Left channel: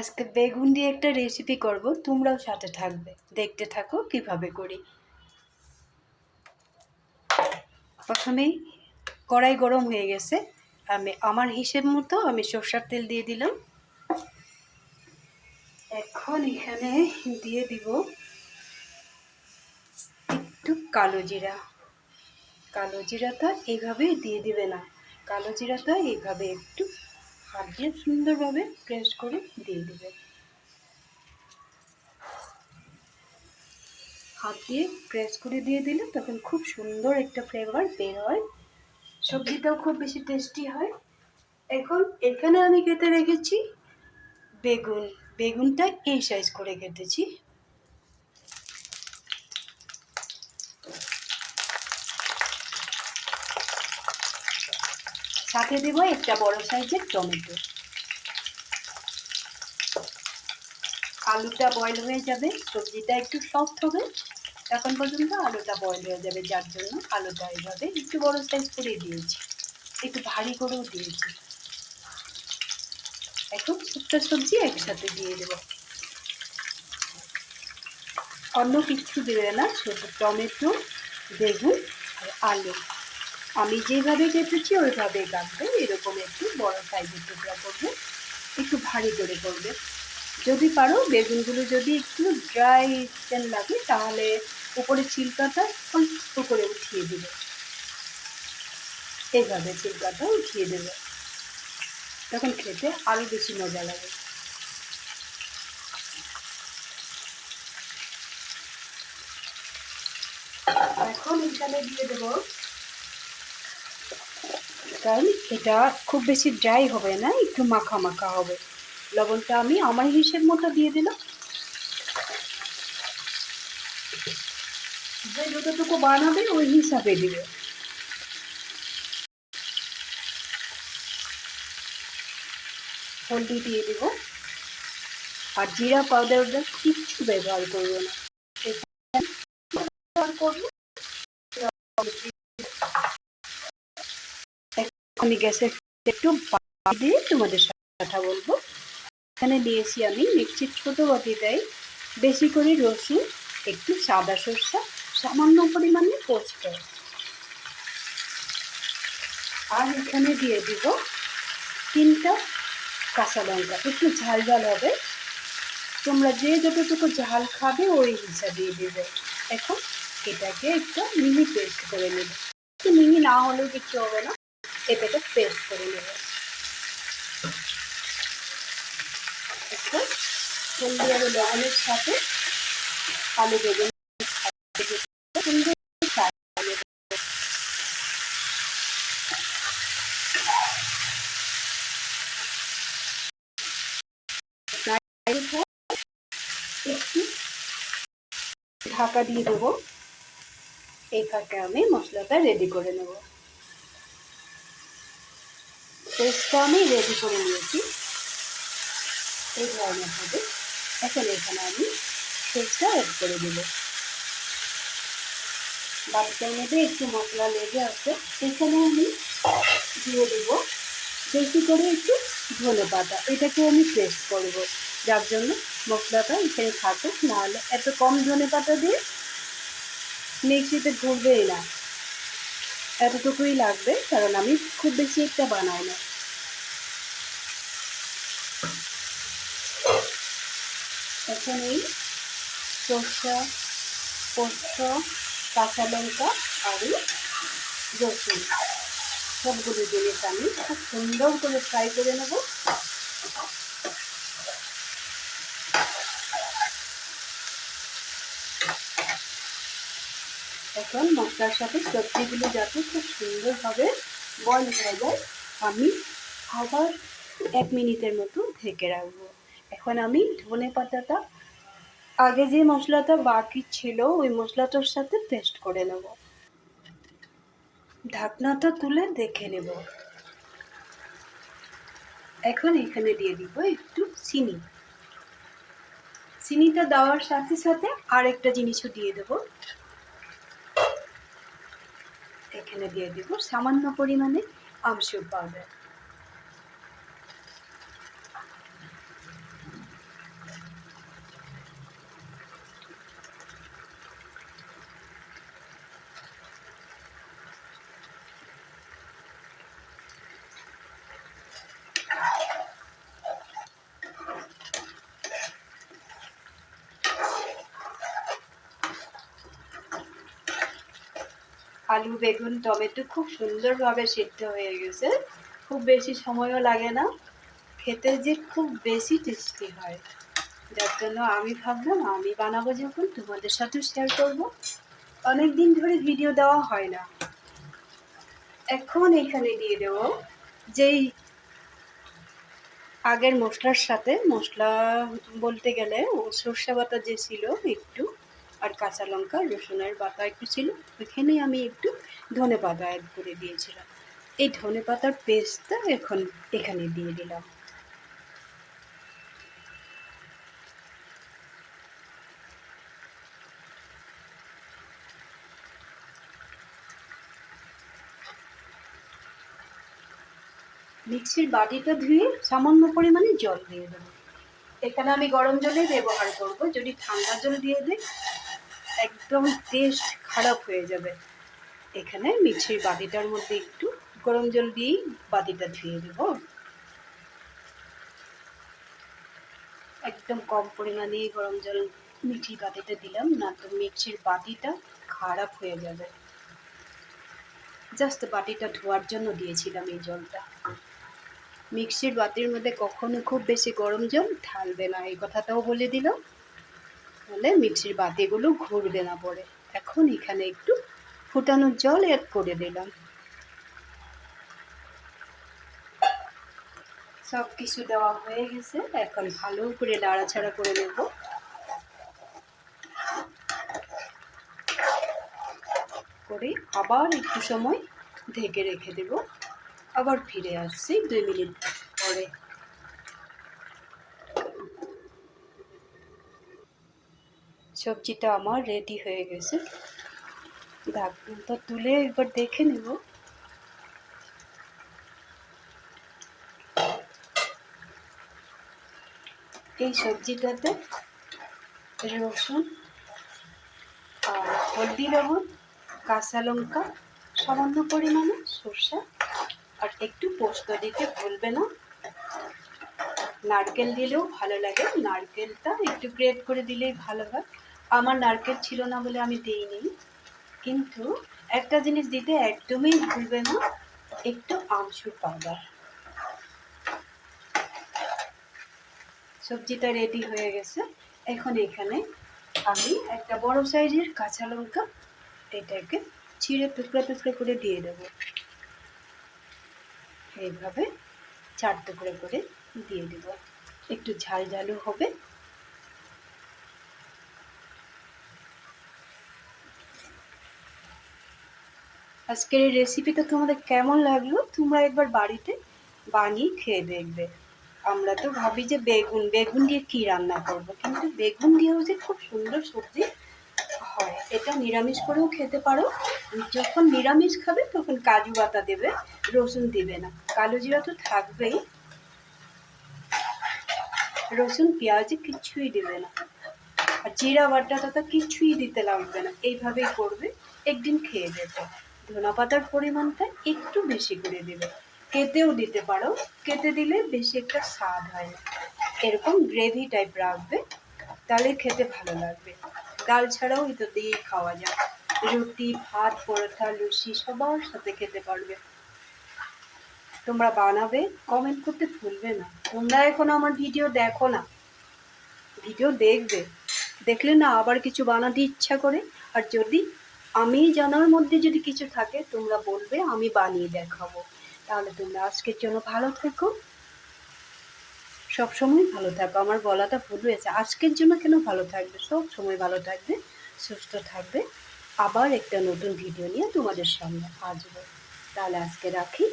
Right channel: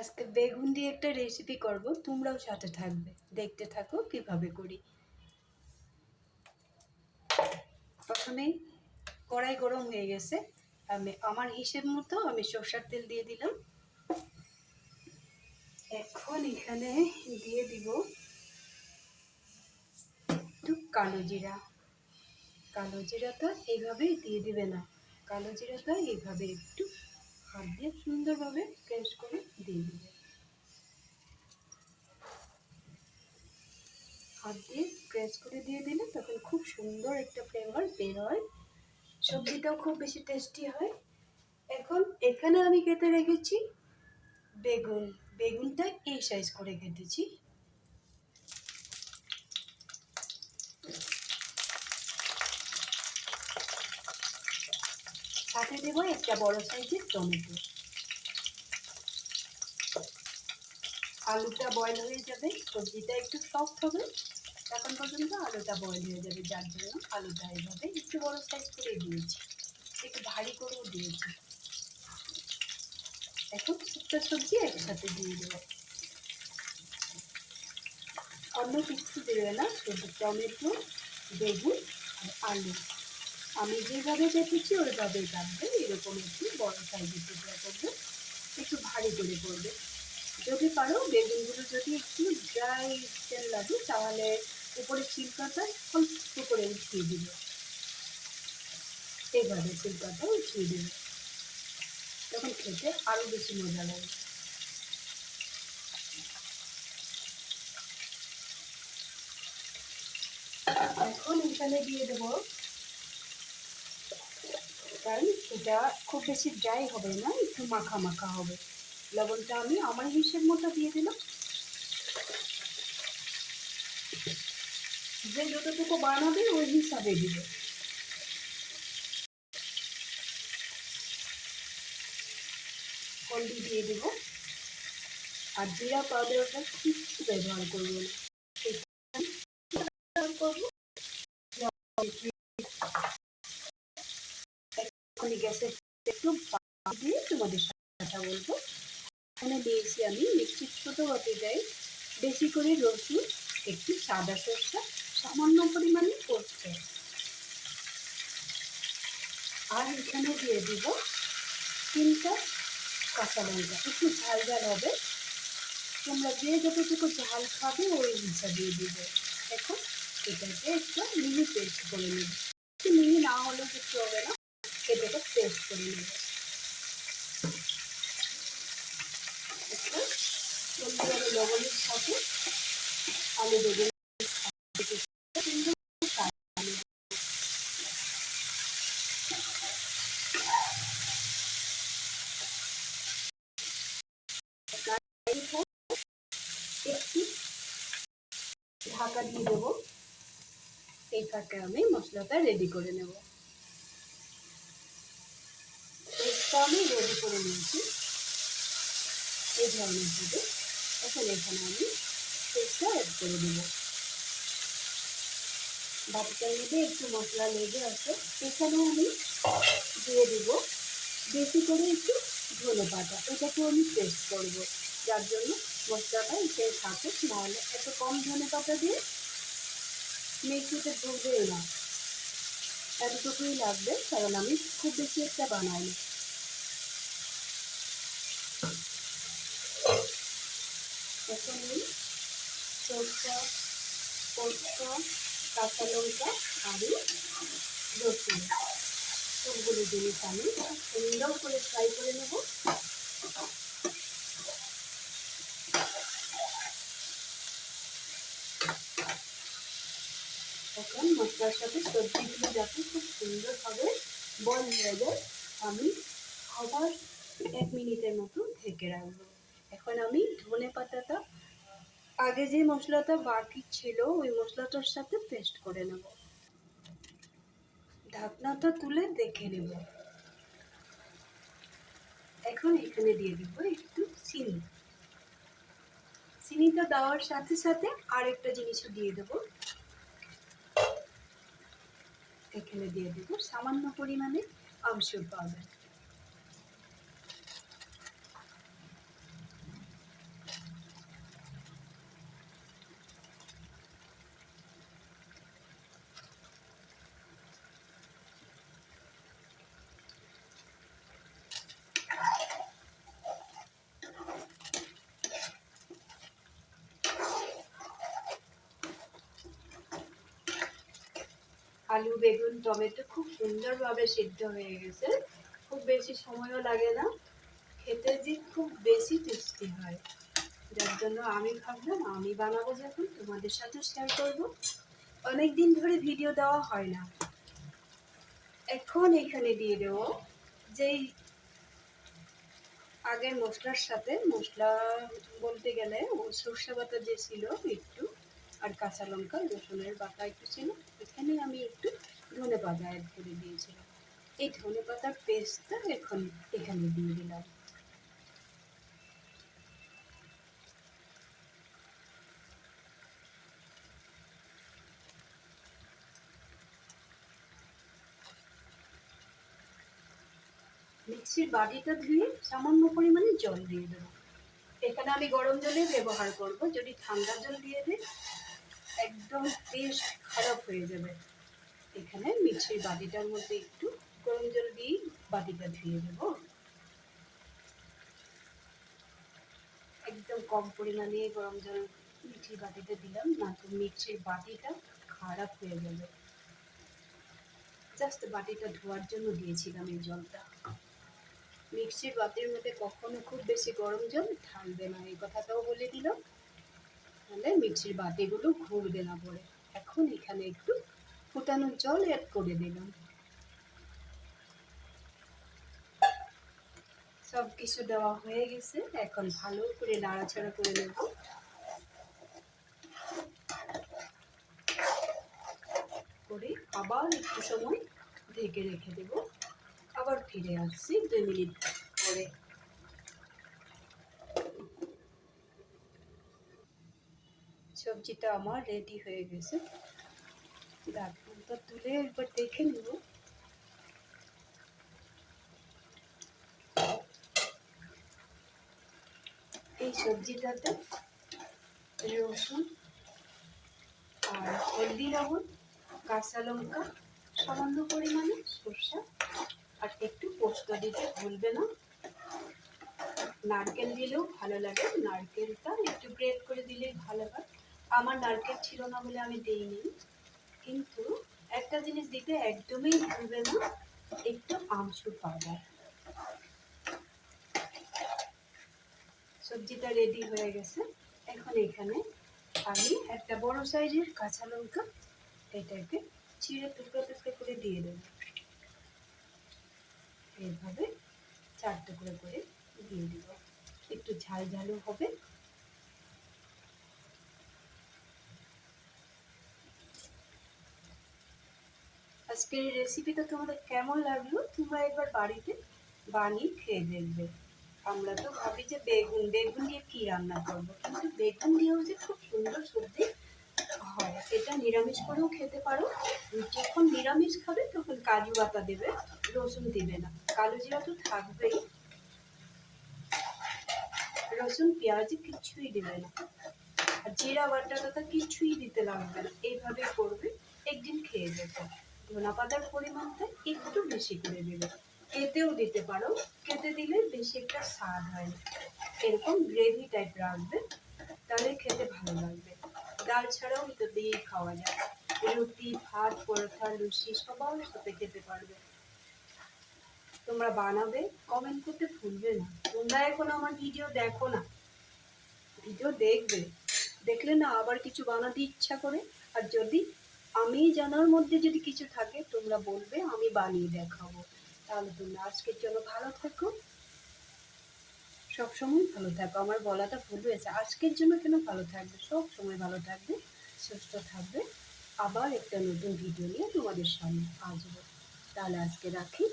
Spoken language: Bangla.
আজকে বেগুন দিয়ে একটা রেসিপি করব, তোমরাও সাথে থাকবে, দেখতে থাকো কিভাবে করি। প্রথমেই কড়াই গরম হয়ে গেছে, আমি আমার হিসেব মতো আমি সরষের তেল দিয়ে দিলাম। এখন এখানে দিয়ে দিব একটু কালো জিরা। কালো জিরাটা এইভাবেই দিয়ে দিবে না, কালো জিরাটা এইভাবে একটু হাত দিয়ে সুন্দরভাবে প্রেস করে দিয়ে দিবে। হাত দিয়ে প্রেস করে দিয়ে দিলে তখন খুব সুন্দর একটা ফ্লেভার বের হয়, সবজিটাও খুব বেশি টেস্টি হয়। এখন এখানে আমি কেটে রেখেছি বেগুন। বেগুনটা এই সাইজ করে কেটেছি। সাথে দেব একটা বড় সাইজের টমেটো। আলুটা বয়েল হয়ে যাবে, সবজিটা একটু সফট হবে, এখন পর্যন্ত আলুটা বয়েল হয়ে যাবে, যার জন্য আলুটা এইভাবে একটু বড় সাইজ করে দিয়েছি, একটু ভারী করেও দিয়েছি। এখন সবটা সবজি একসাথে দিয়ে দেবো, অন্য কিছু দেবে না, শুধু টমেটো, বেগুন আর আলু। আমি যেভাবে কেটেছি ওইভাবেই কাটবে, এরকম একটু বড় সাইজের টুকরা করবে, একটু ভারী করে করবে। যদি পারো বেগুনগুলো যদি একটু ড্রাই লাগে তাহলে উপরে ছিলকাটা অল্প করে উঠিয়ে দেবে, এইভাবে ছিলকাটা উঠিয়ে দেবে, তখন খেতে আরো বেশি মজা লাগে। এখন এখানে দিয়ে দেবো, কারণ এটা খুব বেশি ড্রাই হবে না, একটু মাখা মাখা হবে। লবণটা আমি আমার হিসেব মতো দিয়ে দিলাম, যে যতটুকু বানাবে ওই হিসাবে দিবে। হলদি দিয়ে দেবো, আর জিরা পাউডারটা কিচ্ছু ব্যবহার করবো না, আমি গ্যাসের একটু দিয়ে তোমাদের সাথে কথা বলবো। এখানে নিয়েছি আমি মিক্সির ছোট বাটিটাই বেশি করে রসুন, একটু সাদা সরষা, সামান্য পরিমাণে পোস্ত, আর এখানে দিয়ে দিব 3টা কাঁচা লঙ্কা, একটু ঝাল ঝাল হবে, তোমরা যে যতটুকু ঝাল খাবে ওই হিসাবে দেবে। এখন এটাকে একটু মিহি পেস্ট করে নেবে, একটু মিহি না হলেও কিছু হবে না, এটাকে পেস্ট করে নেবে। এখন হলদি আর লবণের সাথে আলু বেগুন একটু ঢাকা দিয়ে দেবো, এই ফাঁকে আমি মশলাটা রেডি করে নেব। পেস্টটা আমি রেডি করে নিয়েছি, এই ধরনের হবে। এখন এখানে আমি পেস্টটা অ্যাড করে দেব। বাটিটার মধ্যে একটু মশলা লেগে আছে, এখানে আমি দিয়ে দেব বেশি করে একটু ধনেপাতা, এটাকেও আমি পেস্ট করব, যার জন্য মশলাটা এখানে থাকুক, নাহলে এত কম ধনেপাতা দিয়ে মিক্সিতে ঘুরবেই না, এতটুকুই লাগবে, কারণ আমি খুব বেশি একটা বানাই না। এখন এই সরষা, পোস্ত, কাঁচা লঙ্কা আর রসুন সবগুলো জিনিস আমি খুব সুন্দর করে ফ্রাই করে নেব। এখন মশলার সাথে সবজিগুলো যাতে খুব সুন্দরভাবে বয়েল হয়ে যায়, আমি আবার 1 মিনিটের মতো ঢেকে রাখবো। এখন আমি ধনেপাতাটা আগে যে মশলাটা বাকি ছিল ওই মশলাটার সাথে পেস্ট করে নেব। ঢাকনাটা তুলে দেখে নেব। এখন এখানে দিয়ে দিব একটু চিনি। চিনিটা দেওয়ার সাথে সাথে আরেকটা জিনিসও দিয়ে দেব, এখানে দিয়ে দিব সামান্য পরিমাণে আমচুর পাউডার। আলু বেগুন টমেটো খুব সুন্দরভাবে সিদ্ধ হয়ে গেছে, খুব বেশি সময়ও লাগে না, খেতে যে খুব বেশি টেস্টি হয়। যার জন্য আমি ভাবলাম আমি বানাবো যখন তোমাদের সাথেও শেয়ার করব। অনেক দিন ধরে ভিডিও দেওয়া হয় না। এখন এখানে দিয়ে দেবো যেই আগের মশলার সাথে, মশলা বলতে গেলে ও সর্ষে বাটা যে ছিল একটু, আর কাঁচা লঙ্কা রসুনের বাটা একটু ছিল, ওইখানে আমি একটু ধনে পাতা অ্যাড করে দিয়েছিলাম। এই ধনে পাতার পেস্টটা এখন এখানে দিয়ে দিলাম। মিক্সির বাটিটা ধুয়ে সামান্য পরিমাণে জল দিয়ে দেবো। এখানে আমি গরম জলে ব্যবহার করব, যদি ঠান্ডা জল দিয়ে দিই একদম টেস্ট খারাপ হয়ে যাবে। এখানে মিক্সির বাটিটার মধ্যে একটু গরম জল দিয়েই বাটিটা ধুয়ে দেব। একদম কম পরিমাণে গরম জল মিক্সির বাটিতে দিলাম, না তো মিক্সির বাটিটা খারাপ হয়ে যাবে। জাস্ট বাটিটা ধোয়ার জন্য দিয়েছিলাম এই জলটা। মিক্সির বাটির মধ্যে কখনো খুব বেশি গরম জল ঢালবে না, এই কথাটাও বলে দিলাম, তাহলে মিক্সির বাটিগুলো ঘুরবে না পরে। এখন এখানে একটু ফুটানো জল অ্যাড করে দিলাম। সব কিছু দেওয়া হয়ে গেছে, এখন ভালো করে নাড়াচাড়া করে নেব। করে আবার একটু সময় ঢেকে রেখে দেব, আবার ফিরে আসছি 2 মিনিট পরে। সবজিটা আমার রেডি হয়ে গেছে, ঢাকনাটা তুলে একবার দেখে নেব। এই সবজিটাতে রসুন আর হলদি লবণ, কাঁচা লঙ্কা, সামান্য পরিমাণে সরষে আর একটু পোস্ত দিতে ভুলবে না। নারকেল দিলেও ভালো লাগে, নারকেলটা একটু গ্রেট করে দিলেই ভালো হয়। আমার নারকেল ছিল না বলে আমি দিইনি, কিন্তু একটা জিনিস দিতে একদমই ভুলবে না, একটু আমচুর পাউডার। সবজিটা রেডি হয়ে গেছে। এখন এখানে আমি একটা বড় সাইজের কাঁচা লঙ্কা এটাকে ছিঁড়ে টুকরা টুকরা করে দিয়ে দেবো। এইভাবে 4 টুকরো করে দিয়ে দেব, একটু ঝাল ঝালও হবে। আজকের এই রেসিপিটা তোমাদের কেমন লাগলো তোমরা একবার বাড়িতে বানিয়ে খেয়ে দেখবে। আমরা তো ভাবি যে বেগুন দিয়ে কি রান্না করব, কিন্তু বেগুন দিয়েও যে খুব সুন্দর সবজি হয়। এটা নিরামিষ করেও খেতে পারো, যখন নিরামিষ খাবে তখন কাজু বাটা দেবে, রসুন দিবে না, কালো জিরা তো থাকবেই, রসুন পেঁয়াজে কিছুই দেবে না, আর জিরা বাটাটা তো কিছুই দিতে লাগবে না। এইভাবেই করবে, একদিন খেয়ে দেখো। ধনা পাতার পরিমাণটা একটু বেশি করে দেবে, কেটেও দিতে পারো, কেটে দিলে বেশি একটা স্বাদ হয় না। এরকম গ্রেভি টাইপ রাখবে, তাহলে খেতে ভালো লাগবে। ডাল ছাড়াও এটা দিয়েই খাওয়া যায়, রুটি ভাত পরোটা লুচি সবার সাথে খেতে পারবে। তোমরা বানাবে, কমেন্ট করতে ভুলবে না। তোমরা এখন আমার ভিডিও দেখো না, ভিডিও দেখবে, দেখলে না আবার কিছু বানাতে ইচ্ছা করে। আর যদি আমি জানার মধ্যে যদি কিছু থাকে তোমরা বলবে, আমি বানিয়ে দেখাবো। তাহলে তোমরা আজকের জন্য ভালো থেকো, সবসময় ভালো থাকো। আমার গলাটা ভুল হয়েছে, আজকের জন্য কেন ভালো থাকবে, সব সময় ভালো থাকবে, সুস্থ থাকবে। আবার একটা নতুন ভিডিও নিয়ে তোমাদের সামনে আসবো। তাহলে আজকে রাখি।